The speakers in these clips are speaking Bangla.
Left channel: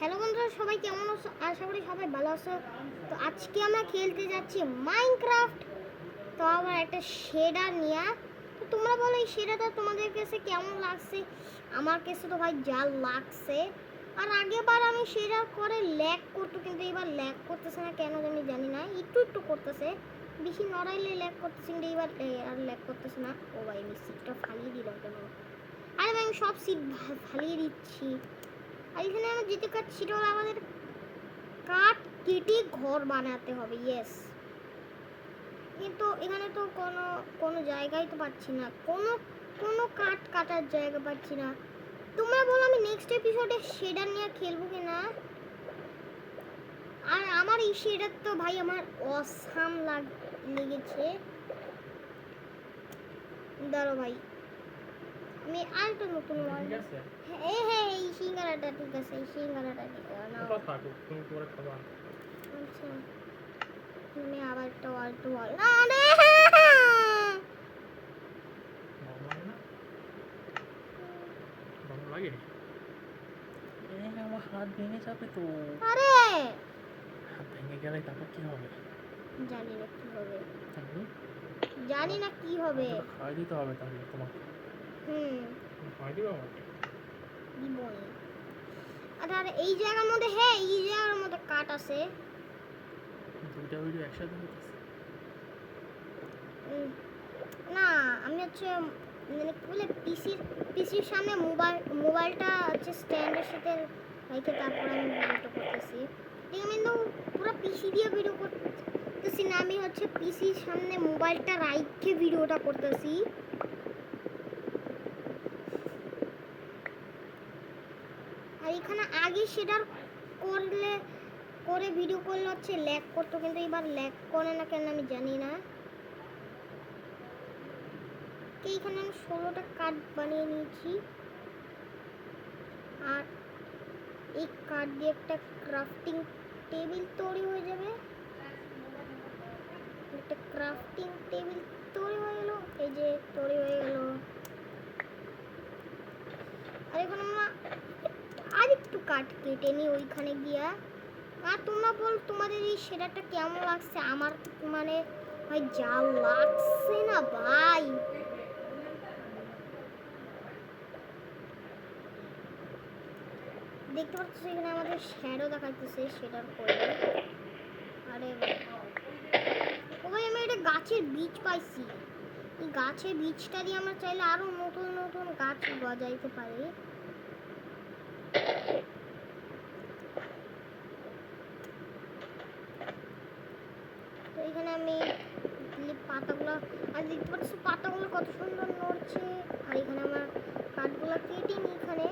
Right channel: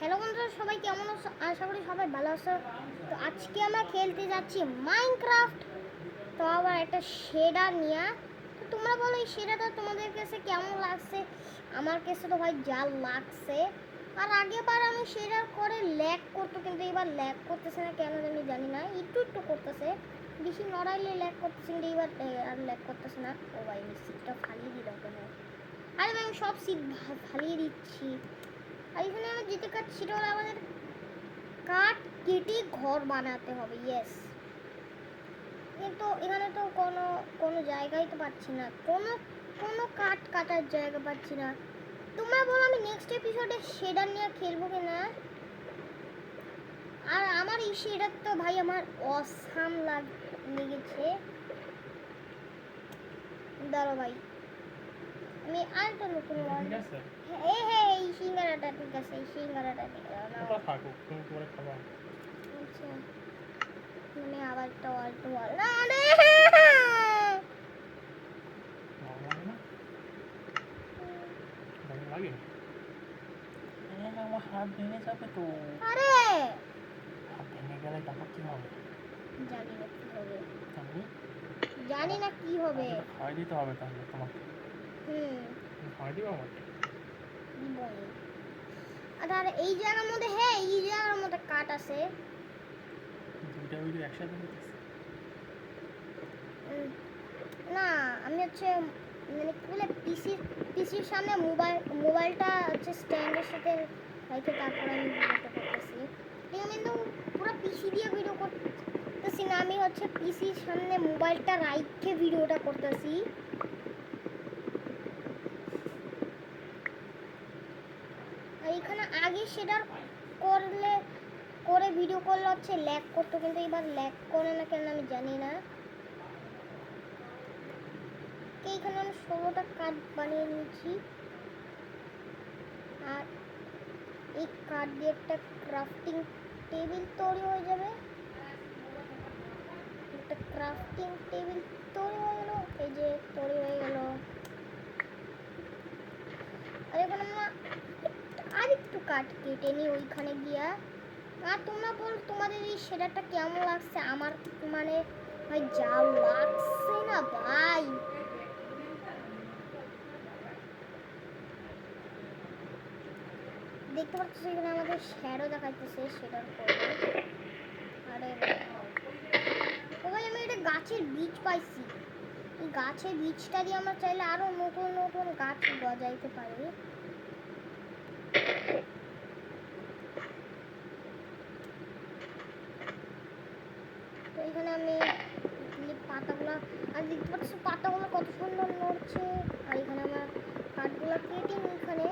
হ্যালো বন্ধুরা, সবাই কেমন আছো? আশা করি সবাই ভালো আছো। তো আজকে আমরা খেলতে যাচ্ছি মাইনক্রাফট। তো আবার একটা শেডার নিয়ে। তো তোমরা বলো এই শেডারটা তোমাদের কাছে কেমন লাগছে? আমার কাছে তো ভাই যা লাগছে। আর আগেবার আমি শেডার করে ল্যাগ করতো, কিন্তু এবার ল্যাগ করতেছে না কেন জানি না, একটু একটু করতেছে, বেশি নড়াইলে ল্যাগ করতেছে, কিন্তু এবার আর ল্যাগ করতেছে না। ও ভাই, আমি সিটটা ফালিয়ে দিলাম কেন? আরে ভাই, আমি সব সিট ফালিয়ে দিচ্ছি। আর এখানে আমরা যেতে কাটছি, সেটা হলো আমাদের কাঠ কেটে ঘর বানাতে হবে। ইয়েস, কিন্তু এখানে তো কোনো কোনো জায়গায় তো পাচ্ছি না, কোনো কোনো কাঠ কাটার জায়গা পাচ্ছি না। তোমরা বলো আমি নেক্সট এপিসোডে শেডার নিয়ে খেলবো কি না? আর আমার এই শেডার তো ভাই আমার অসাম লেগেছে। দাঁড়ো ভাই, আমি আরেকটা নতুন এই সিঙ্গারাটা ঠিক আছে, এই সিঙ্গারাটা ঠিক আছে। আচ্ছা, আমি আবার একটা অল্প বল না রে। আমার হাত ভেঙে যাবে তো। আরে হাত ভেঙে গেলে তারপর কি হবে? জানি না কি হবে, তাহলে জানি না কি হবে। খাওয়াই দিতে হবে তাহলে তোমাকে। খাওয়াই দিবে আমাকে? দিব না। আর এই জায়গার মধ্যে, হ্যাঁ এই জায়গার মধ্যে কাঠ আছে। দুইটা ভিডিও একসাথে হইতেছে। না, আমি হচ্ছে মানে কি বলে পিসির সামনে মোবাইলটা হচ্ছে স্ট্যান্ডের সাথে রেখে তারপর আমি ভিডিওটা করতেছি। ঠিক আমি কিন্তু পুরো পিসি দিয়ে ভিডিও করতেছি না, আমি হচ্ছে পিসির সামনে মোবাইলটা রাইখে ভিডিওটা করতেছি। আর এখানে আগে সেটা করে ভিডিও করলে হচ্ছে ল্যাগ করতো, কিন্তু এবার ল্যাগ করে না কেন আমি জানি না। এইখানে আমি 16টা কাঠ বানিয়ে নিয়েছি। আর এই কাঠ দিয়ে একটা ক্রাফটিং টেবিল তৈরি হয়ে যাবে। একটা ক্রাফটিং টেবিল তৈরি হয়ে গেল, এই যে তৈরি হয়ে গেল। আর এখন আমরা আরেকটু কাঠ কেটে নিই ওইখানে গিয়া। আর তোমরা বল তোমাদের এই শেডারটা কেমন লাগছে? আমার মানে ভাই যা লাগছে না ভাই, দেখতে পাচ্ছ এখানে আমাদের শ্যাডো দেখাইতেছে শেডার করে। আরে ওই আমি এটা গাছের বীজ পাইছি, এই গাছের বীজটা দিয়ে আমরা চাইলে আরো নতুন নতুন গাছ গজাইতে পারি। তো এখানে আমি পাতাগুলো, আর দেখতে পাচ্ছি পাতাগুলো কত সুন্দর নড়ছে। আর এখানে আমার কাঠগুলো কেটে নিই এখানে।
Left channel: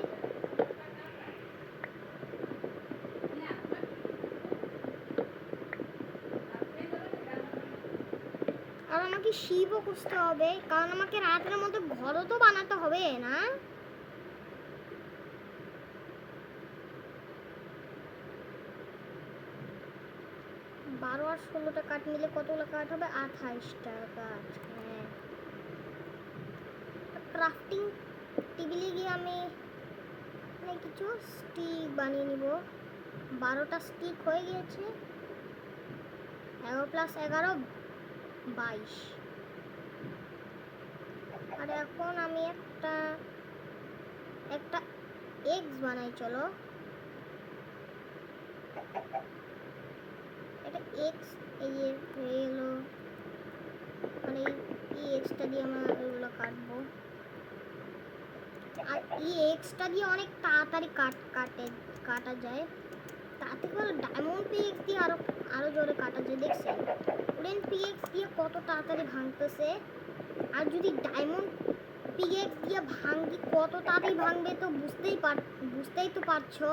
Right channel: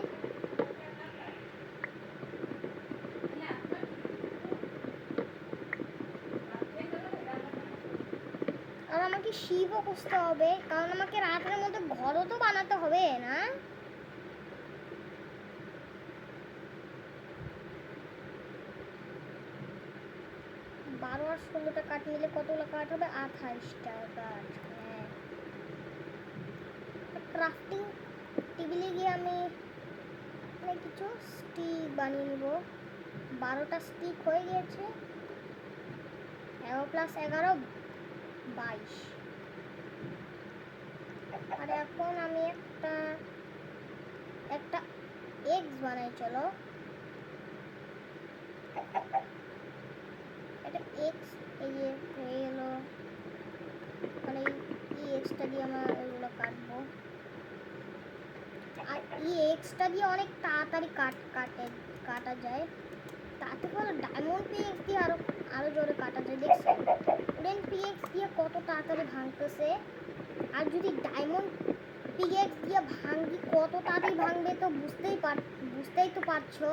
আর আমাকে শিবও খুঁজতে হবে, কারণ আমাকে রাতের মধ্যে ঘরও তো বানাতে হবে না? 12 আর 16টা কাঠ মিলে কতগুলো কাঠ হবে? 28টা কাঠ। হ্যাঁ, ক্রাফটিং টেবিলে গিয়ে আমি কিছু স্টিক বানিয়ে নিব। 12টা স্টিক হয়ে গিয়েছে। 11 + 11 22। আর এখন আমি একটা একটা এগস বানাই, চলো এটা এক্স, এই যে হয়ে গেল। মানে এই এক্সটা দিয়ে আমরা ওইগুলো কাটবো। আর এই এক্সটা দিয়ে অনেক তাড়াতাড়ি কাটা যায়। তাতে করে ডায়মন্ড পিএক্স দিয়ে আরো আরো জোরে কাটা যায়। দেখছেন উডেন পিএক্স দিয়ে কত তাড়াতাড়ি ভাঙতেছে? আর যদি ডায়মন্ড পিএক্স দিয়ে ভাঙি কত তাড়াতাড়ি ভাঙবে তো বুঝতেই তো পারছো।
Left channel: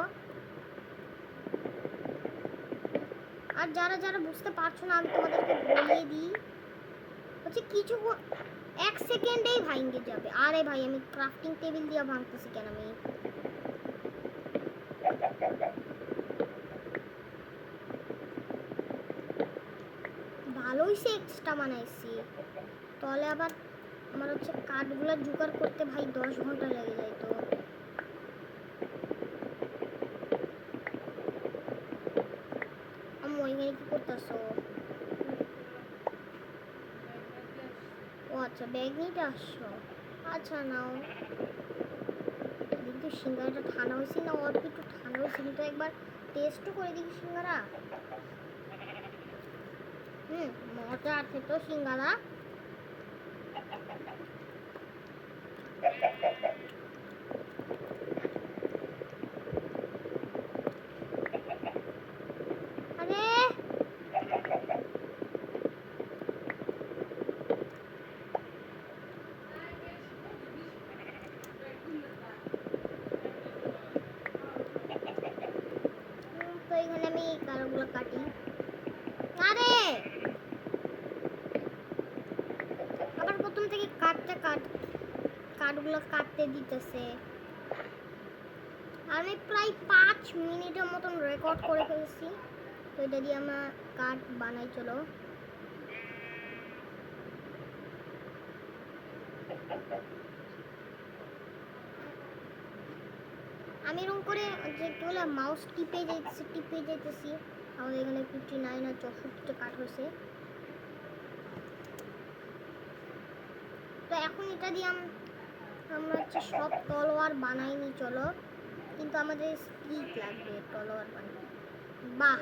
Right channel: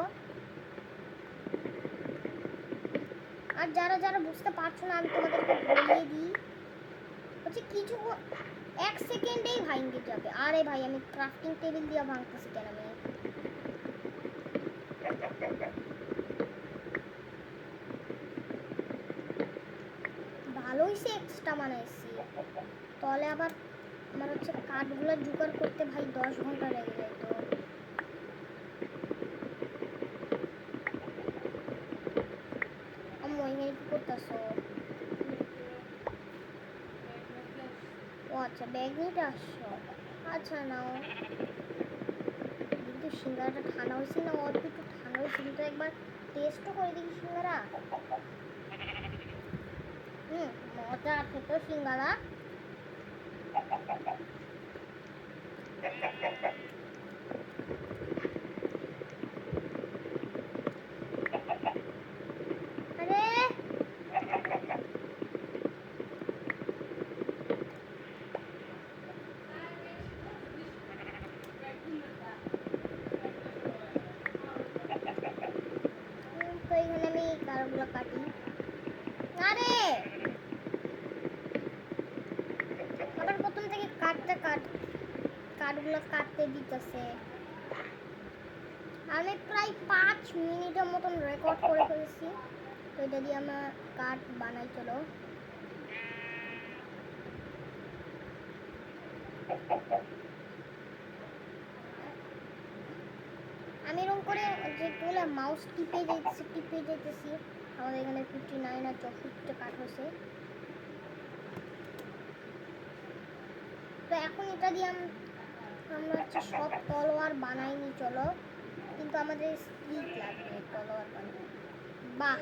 আর যারা যারা বুঝতে পারছো না, আমি তোমাদেরকে বলিয়ে দিই হচ্ছে কিছু 1 সেকেন্ডেই ভাঙে যাবে। আরে ভাই, আমি ক্রাফটিং টেবিল দিয়ে ভাঙতেছি কেন? আমি ভালোই সে এক্সট্রা বানাইছি, তাহলে আবার আমার হচ্ছে কাঠগুলো জোগাড় করতে ভাই 10 ঘন্টা লেগে যায়। তো করতেছো? ও আচ্ছা, ব্যাগ নিতে আসছো। আচ্ছা নাও। কিন্তু সিঙ্গারাটা ঠান্ডা হয়েছে না অল্প একটু ঠান্ডা হয়েছে, কিন্তু একবার টেস্টও করে দেখি সিঙ্গারা। মজা আছে তো সিঙ্গারা। আরে তো এখানে আমি কারগুলো কাটি। আরে আবার প্রথম থেকে কাঠগুলো কাটতে দিতেছে। আমি প্রায় 5 মিনিটের মতন রেকর্ড করে ফেলছি। তো এটা দিয়ে আমরা কাঠ বানাই। চলো আমি এরকম করে যেগুলো মাউস টিপে যাইতেছি। আমাদের এখানে 59 আর 64টা কাঠ হয়েছে। তো এখন এটা দিয়ে আমরা হচ্ছে সব তলোয়ার বানাইনি। চলো, কিন্তু আমাদের স্টিক লাগবে তলোয়ার বানাতে। বাহ,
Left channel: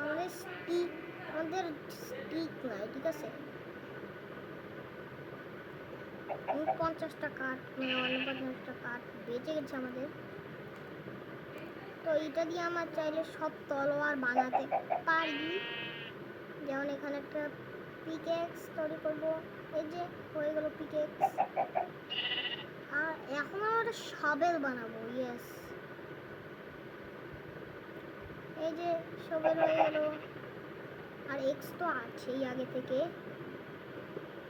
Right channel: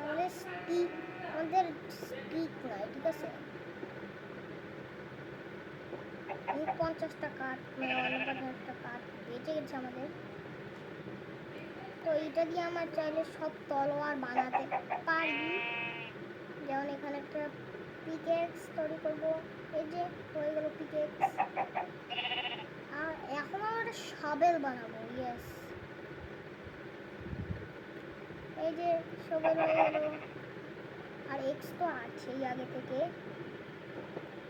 আমাদের স্টিক নাই, ঠিক আছে। 50টা কাঠ, 50টা কাঠ বেঁচে গেছে আমাদের। তো এটা দিয়ে আমরা চাইলে সব তলোয়ার বানাতে পারি। যেমন এখানে একটা পিকেক্স তৈরি করবো। এই যে হয়ে গেল পিকেক্স। আর এখন আমরা একটা শাবেল বানাবো। ইয়েস, এই যে শাবেল হয়ে গেল। আর এক্স তো আছেই আগে থেকে।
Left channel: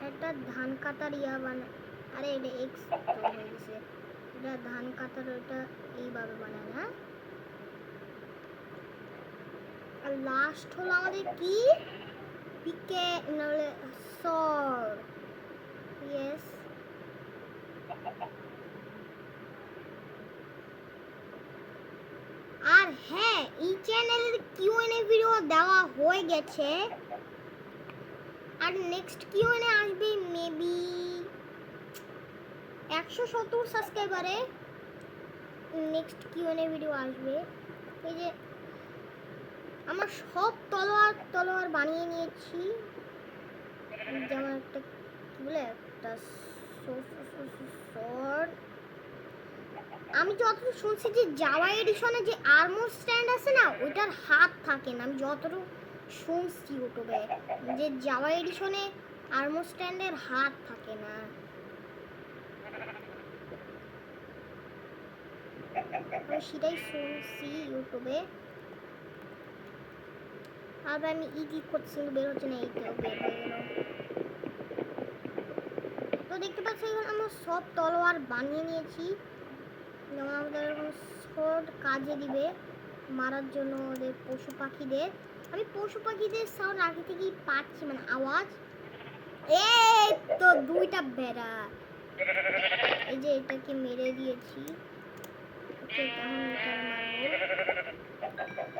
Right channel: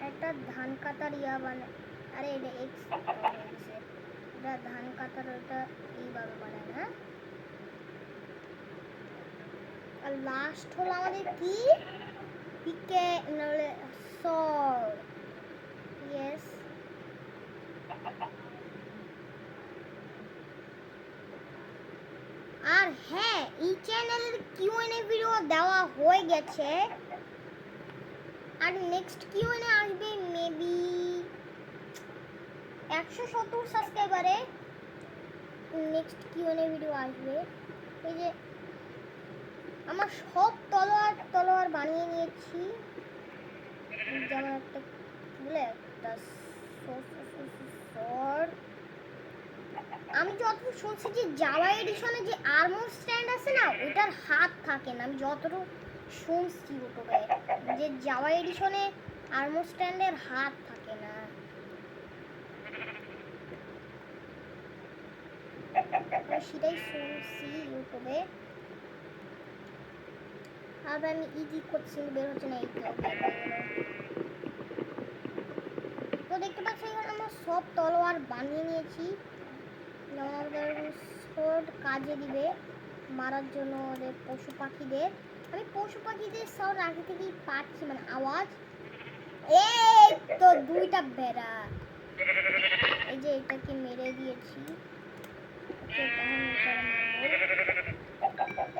একটা ধান কাটার আরে এটা এক্স হয়ে গেছে। এটা ধান কাটার, ওইটা এইভাবে বানায় না। আর লাস্ট হলো আমাদের কি, পিকে নাহলে সর্ড। ইয়েস, আর হ্যাঁ, এই চ্যানেলের কিউএনএ ভিডিও দেওয়া হয়ে গেছে। আর নেক্সট কিউএনএ আসবে মেবি 170 সাবস্ক্রাইবারে নেক্সট কিউএনএ ভিডিও আসবে। এই যে আমার সব তলোয়ার বানিয়ে নিয়েছি। যেমন একটা বলে একটা sword। আমি যতটুকু শুনছি যে জাভা এডিশনে যে আর্মর স্ট্যান্ড আছে না, ওইটার হাত থাকে না। আমি যতটুকু শুনছি ইউটিউবে যে জাভা এডিশনে আর্মর স্ট্যান্ডের হাত থাকে না। আমি সেটাই শুনছি ইউটিউবে। আর আমি ইজি করছি, বের হচ্ছে না। এইটা বের হয়ে গেল। তো দেখতে পাচ্ছি আমরা সব তলোয়ার বানিয়ে নিয়েছি। যেমন আমাদের সোর্ড কাজে দিবে মারার জন্য ওদের পশু পাখিদের। আমি পশু পাখিদের সাউন্ড আগে থেকেই পাচ্ছি, মানে আওয়াজ। এই তো 2টা বেড়া। এই যে এটাকে মেরে দিয়েছি।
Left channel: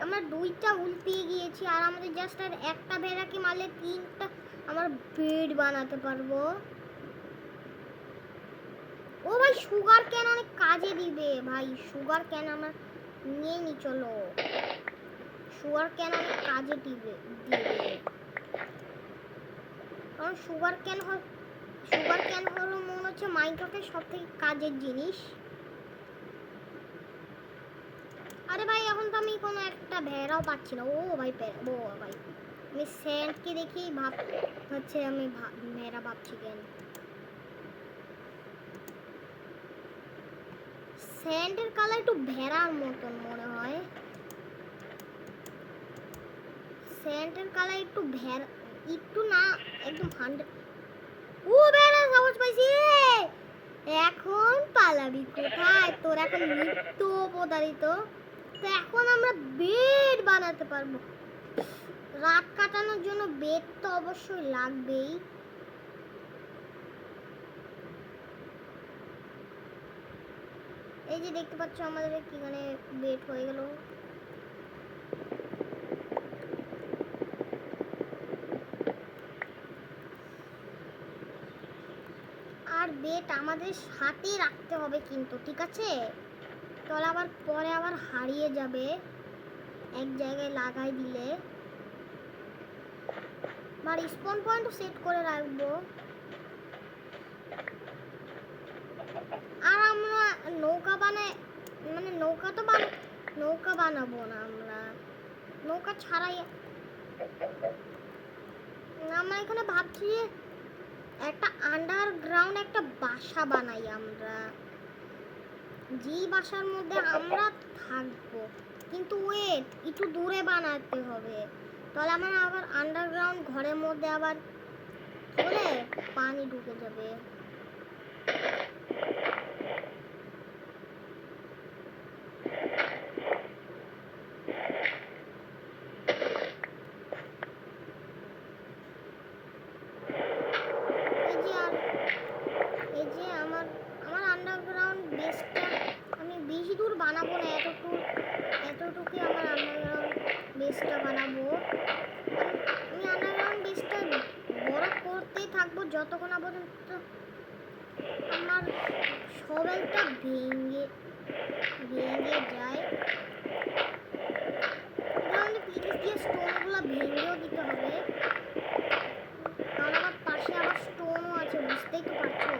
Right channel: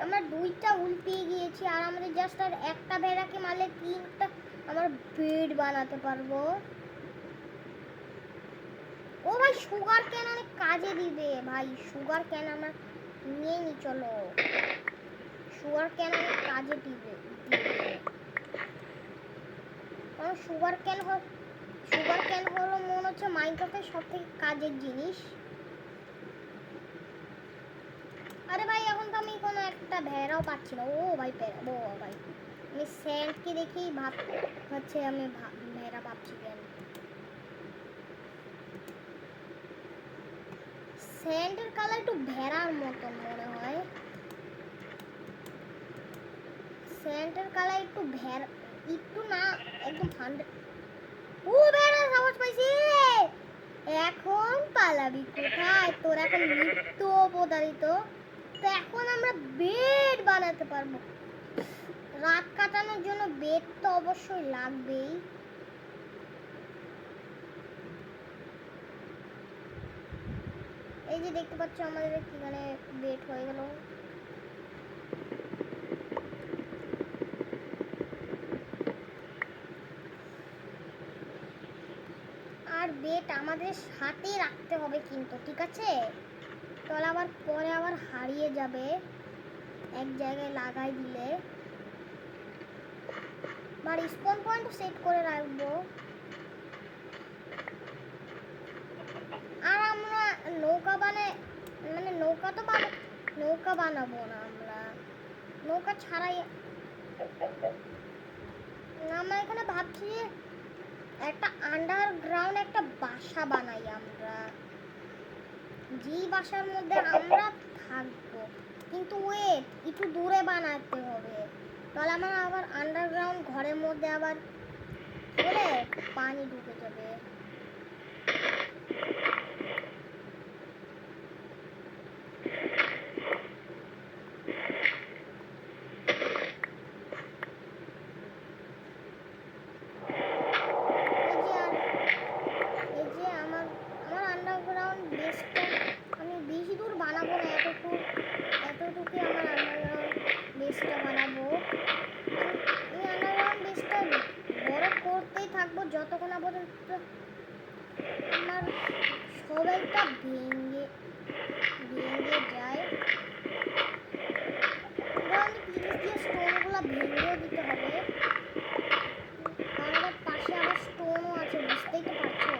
আমরা 2টা উল পেয়ে গিয়েছি। আর আমাদের জাস্ট আর একটা বেড়াকে মারলে 3টা আমার বেড বানাতে পারবো। ও ভাই, সুগার কেন অনেক কাজে দিবে ভাই। সুগার কেন আমরা নিয়ে নি। চলো, সুগার কেন অনেক কাজে দিবে। কারণ সুগার কেন হলো মনে হচ্ছে মাইনক্রাফটের সব থেকে কাজের জিনিস। আরে ভাই, এখন তো আমি কোনো একটা ভেড়াও পাচ্ছি না। ও ভাই, ও ভাই, আমি স্যান্ডকে দেখেই হচ্ছে আমি ভেড়া ভাবছি কেন। স্যান্ডের কালার একটু ভেড়ার মতন মনে হয়। স্যান্ডের কালার একটু একটু না, একদম 100। ও ভেড়া, সাহস পাইছি। এখন পালাবি কোথায়? তোর এখন মৃত্যু অবধারিত। তো এখন আমরা বেড বানাতে পারবো। রাত কাটানোর জন্য বেড তো অবশ্যই লাগবেই। এই যে দেখতে পাচ্ছ আমাদের এখানে বেড হয়ে গেল। আর বেড আমাদের সাথে রাখতে হবে কিন্তু, ঠিক আছে? তাহলে আবার পরে আবার হারিয়ে যাবে এক জায়গায় লাগাই দিলে। আর স্পন পয়েন্ট সেট করে রাখবো। আর আমরা নৌকা মানে নৌকা বানাবো না, আমরা নৌকা ছাড়াই আমরা এখানে ভাবছি যে একটা আন্ডারগ্রাউন্ড একটা বাসা বানাই আমরা, যেই বাসার মধ্যে আমরা থাকবো। কিন্তু ওয়েট, একটু দূরে বানাতে হবে, তাহলে আমরা আবার আন্ডারগ্রাউন্ড ঘরের মধ্যে আবার হলে পানি ঢুকে যাবে। এই যে আমার আন্ডারগ্রাউন্ড বেসটা আমি বেশি দূর বানাবো না, এতটুকু আমার আন্ডারগ্রাউন্ড বেসটা বানাবো। আমি আন্ডারগ্রাউন্ড বেসটা বড় করতেই থাকবো যতক্ষণ না পর্যন্ত আমার শোভেলটা ভেঙে যায়। প্লিজ দিয়ে স্টোনগুলো ভেঙেও দিতে হবে, আর আমার পাশে আবার স্টোনও আছে, বুঝতেই তো পারছো।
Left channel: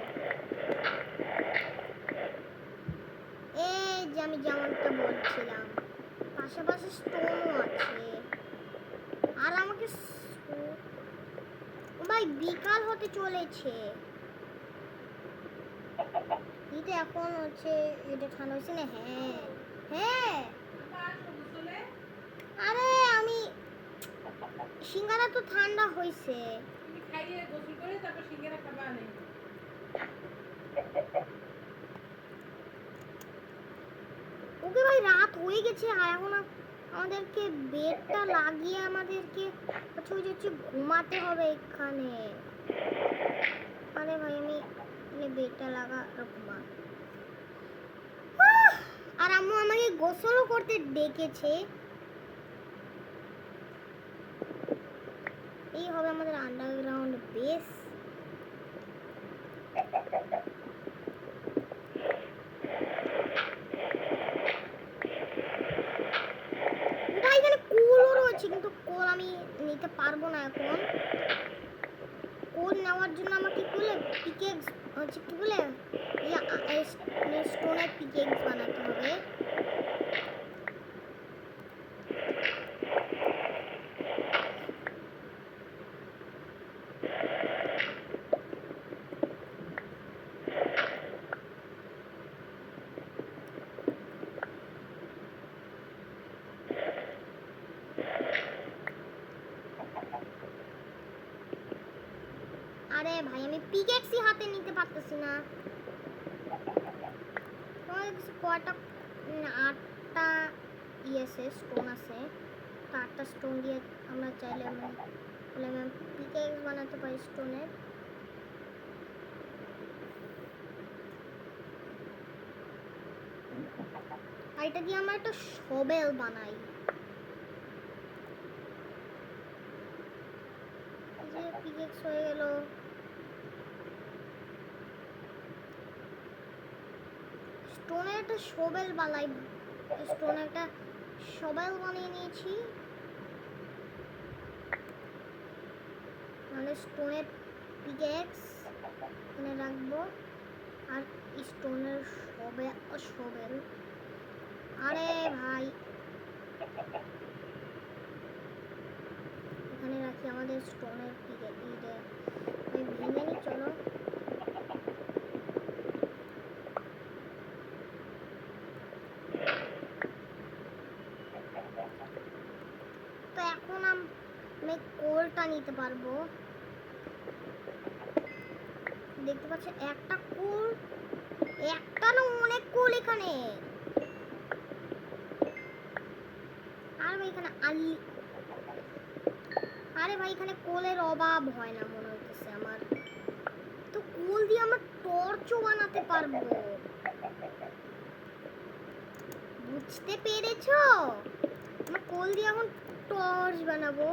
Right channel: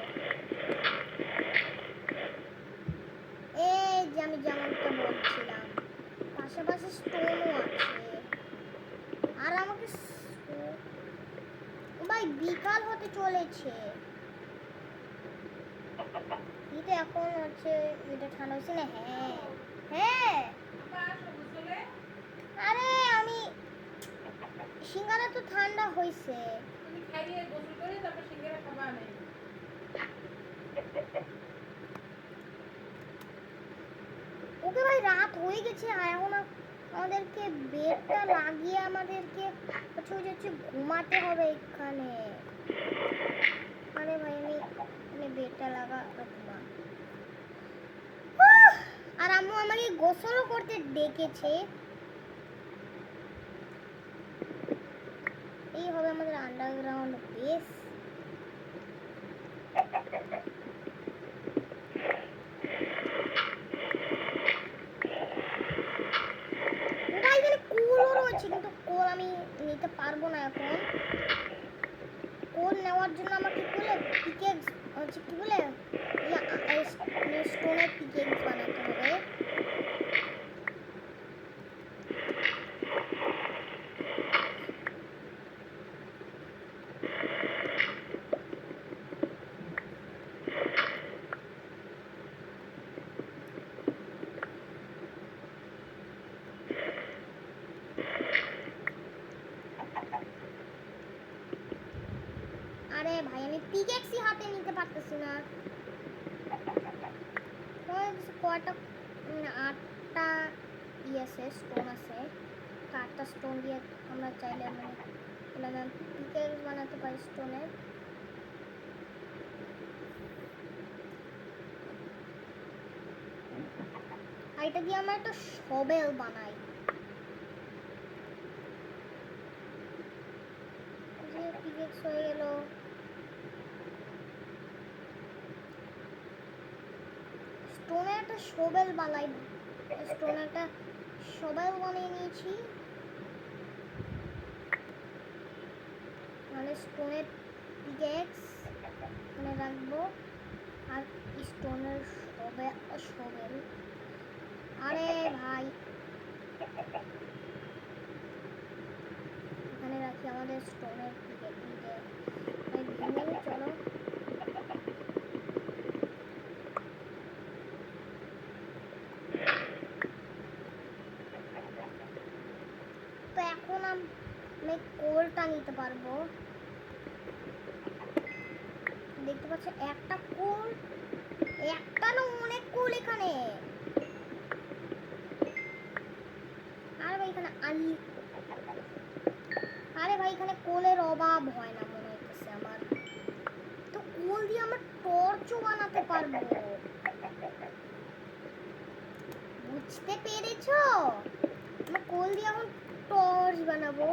এই যে আমি যেমনটা বলছিলাম, পাশাপাশি স্টোনও আছে। আর আমাকে ভাই বিকাল হতে চলেছে, এটা এখন হচ্ছে, এটা ঠান্ডা হচ্ছে না? হ্যাঁ হ্যাঁ, আরে আমি সিঙ্গারা তো ঠান্ডা হয়েছে। ওকে ভাই, রাত হয়ে গেছে আর এখন আমাদেরকে বেডটা লাগিয়ে আমাদেরকে হচ্ছে ঘুমাতে হবে এখানে। আরে ভাই আমি বেডটা ঘুমা। আর আম্মু আমাকে গোসলও করতে ডেকেছে। এই হবে আমাদের আন্ডারগ্রাউন্ড বেস। এখানে কোলও রয়েছে, কিন্তু কোল আমি নিতে পারবো না এখন। কোল নেওয়ার জন্য আমাকে পিকেক্স হচ্ছে কি বলে স্টোনের পিকেক্স বানাতে হবে। আরে ভাই, আমি পিকেক্সই হাতে নিতে পারতেছি না। কয়টা 8টা স্টোন আছে, 8টা স্টোন দিয়ে আমরা চাইলে পিকেক্স বানাতে পারি স্টোনের। আর এটা দিয়ে আমরা একটা শোভেল বানাই। যে পিকেক্স হয়ে গেল। স্টোনের একটা শোভেল বানাই, স্টোনের একটা শোভেল বানিয়ে নিয়েছি। মানে স্টোনের পিকেক্স এখানে রাখবো আর স্টোনের শোভেল। আরে ভাই, এখানে রাখি আমাদের স্টোনের পিকেক্স। ভেঙে নি, চলো। তো এখন আমি কোলটা নিতে পারবো। দেখতে পাচ্ছ একটা কোল, একটা না অনেক কোল এখানে। আর ভাই এখানে আরে ভাই, এখানে কোলের অভাব হয় না মনে হইতেছে আমার। তো কোল দিয়ে আমরা টর্চও বানাতে পারবো। বুঝতে পেরেছো? আমরা কোল দিয়ে এখন টর্চ বানাবো।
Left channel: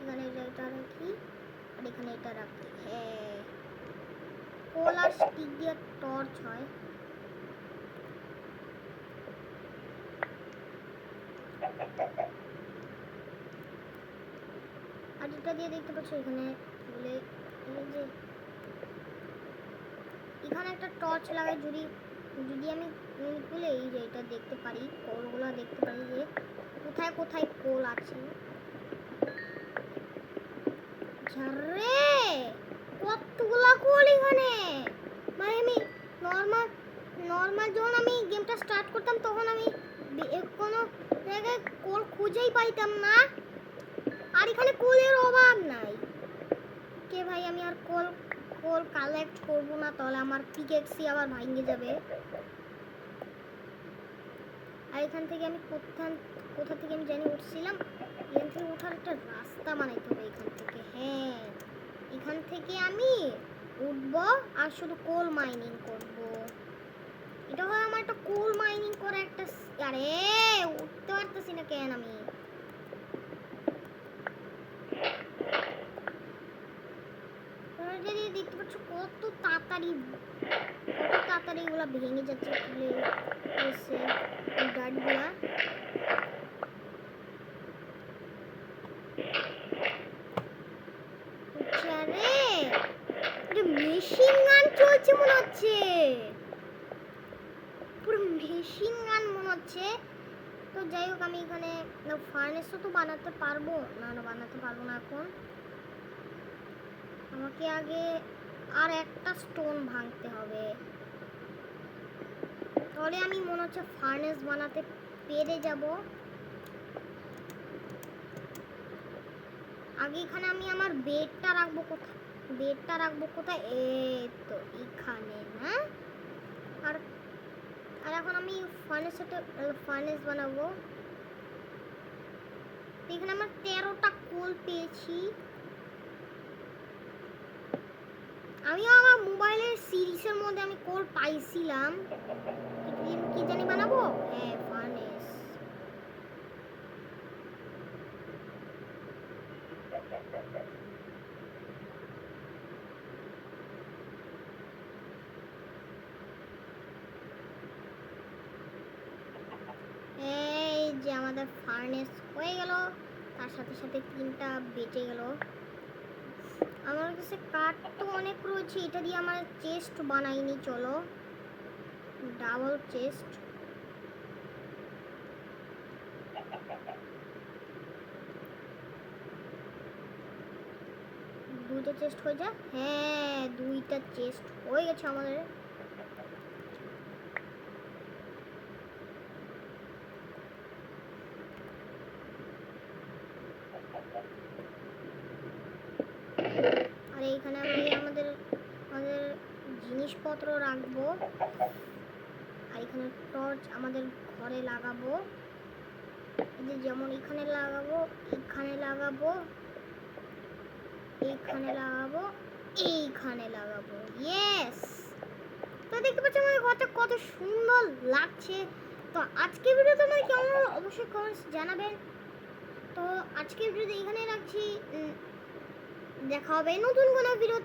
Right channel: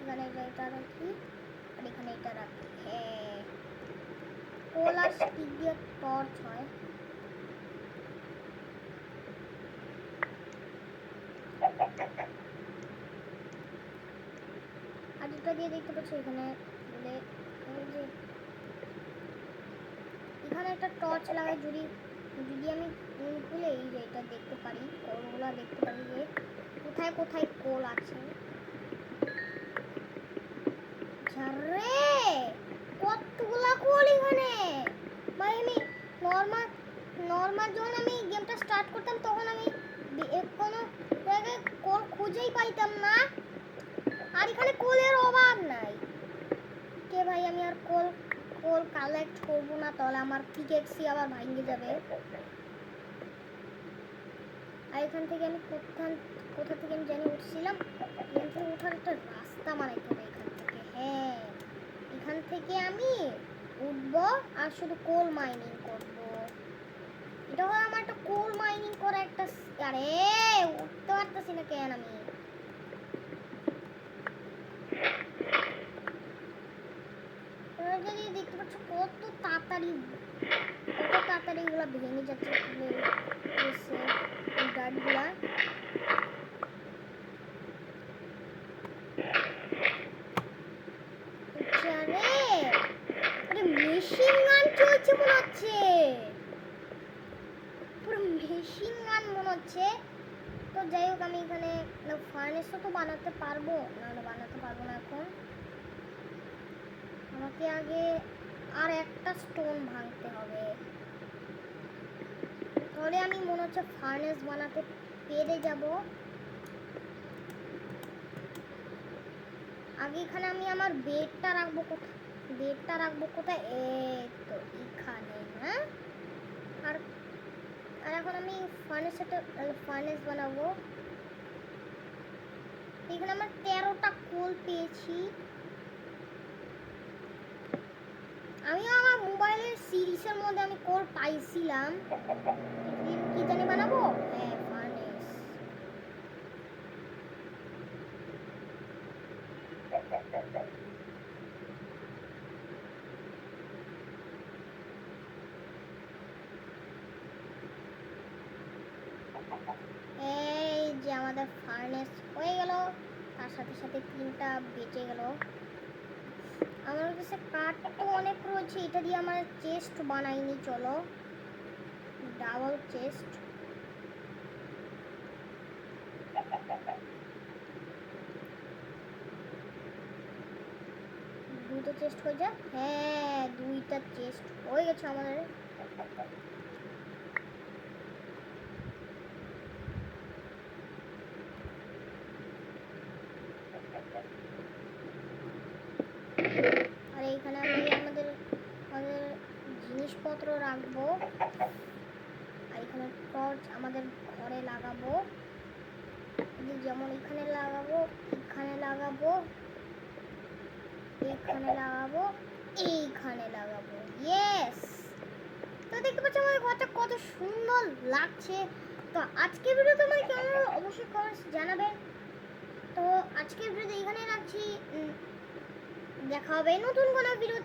এখানে এটা রাখি আর এখানে এটা রাখি। হ্যাঁ, কোল আর স্টিক দিয়ে টর্চ হয়। আর এটা দিয়ে দেখতে পাচ্ছ এখানে বলে এই যে এখানে একটা টর্চ লাগাই, যদি যদি আমি খুলে এই যে এটা দেখতে পারি, কোলগুলো দেখতে পারি যে কোথায় কোথায় কোল আছে। ঝারে কতগুলা কোল এখানে ভাই! আমি নর্মাল নর্মাল যখন আমি গেমটা স্টার্ট করতাম তখন আমি কোনো জায়গায় কোল খুঁজেই পাইতাম না, আর এখানে কোলের অভাব নাই। কে ভাই, আমি আর কোল কোল কালেক্ট করবো না, তাহলে আমার পিকেক্সি আবার ভাঙে যাবে। আর এখান থেকে আমি কোথা থেকে আমি জানি উঠছিলাম, এখান থেকে ওঠার একটা রাস্তা বানাইতে হবে এখান থেকে। হ্যাঁ, এখান থেকে আমি উঠবো আর শুধু কোল মাইনিং করব। এটা হলো আমার একটা কোল মাইনিং করা একটা। আরে উঠতে পারতেছি না কেন আমি? যদি দেখতে পাচ্ছ কত তাড়াতাড়ি এগুলা ভেঙে যাচ্ছে গাড়িগুলা। আরে মেশিন গান চলছে মনে হচ্ছে, পুরো মেশিন গান মনে হচ্ছে। তো যাই হোক, আমি এখানে ফার্নেসও তো বানাতে পারবো না, বানাতে পারবো না এখন। আমাকে আগে আর একটা স্টোন ভাঙতে হবে, তাহলে আমি মনে হচ্ছে ফার্নেস বানাতে পেরে যাব। আগে এখানে আমি আমার বেডটা রাখবো কোথায়? এই তো এখানে না। আর এখন আমি ফার্নেস বানাবো। এখানে আমার 13টা কোল পেয়েছি। আমি আমার মোবাইলের সিরিজের মধ্যে আমি কোল পাইছিলাম। কি জানি বানাবো? হ্যাঁ, ফার্নেস। এই যে আমাদের ফার্নেস হয়ে গেল, তার সাথে সাথে 3টা বেঁচে গেল। আমার কাছে কাঠ তো অনেক রয়েছে, এটা দিয়ে আমার চেস্ট বানাইনি। চলো, ডাবল চেস্ট। দুইটা চেস্ট হয়ে যায়। হ্যাঁ, 2টা চেস্ট হয়ে গেছে আমাদের। আর এইখানে আমি আমাদের জিনিসপত্র রাখবো। আর এখানে টর্চ আমাদের ঘরে লাগাবো, যেমন এখানে লাগাবো, এখানে লাগাবো, এখানে লাগাবো, এইখানে লাগাবো। ইয়েস! তো দেখতে পাচ্ছ আমার ঘরটা কত সুন্দর লাগছে। তো আজকের ভিডিও তোমার কেমন হলো অবশ্যই কমেন্টস জানাবেন। তো আজকের ভিডিও এখানে রাখছি। দেখা হবে নতুন কোনো ভিডিও।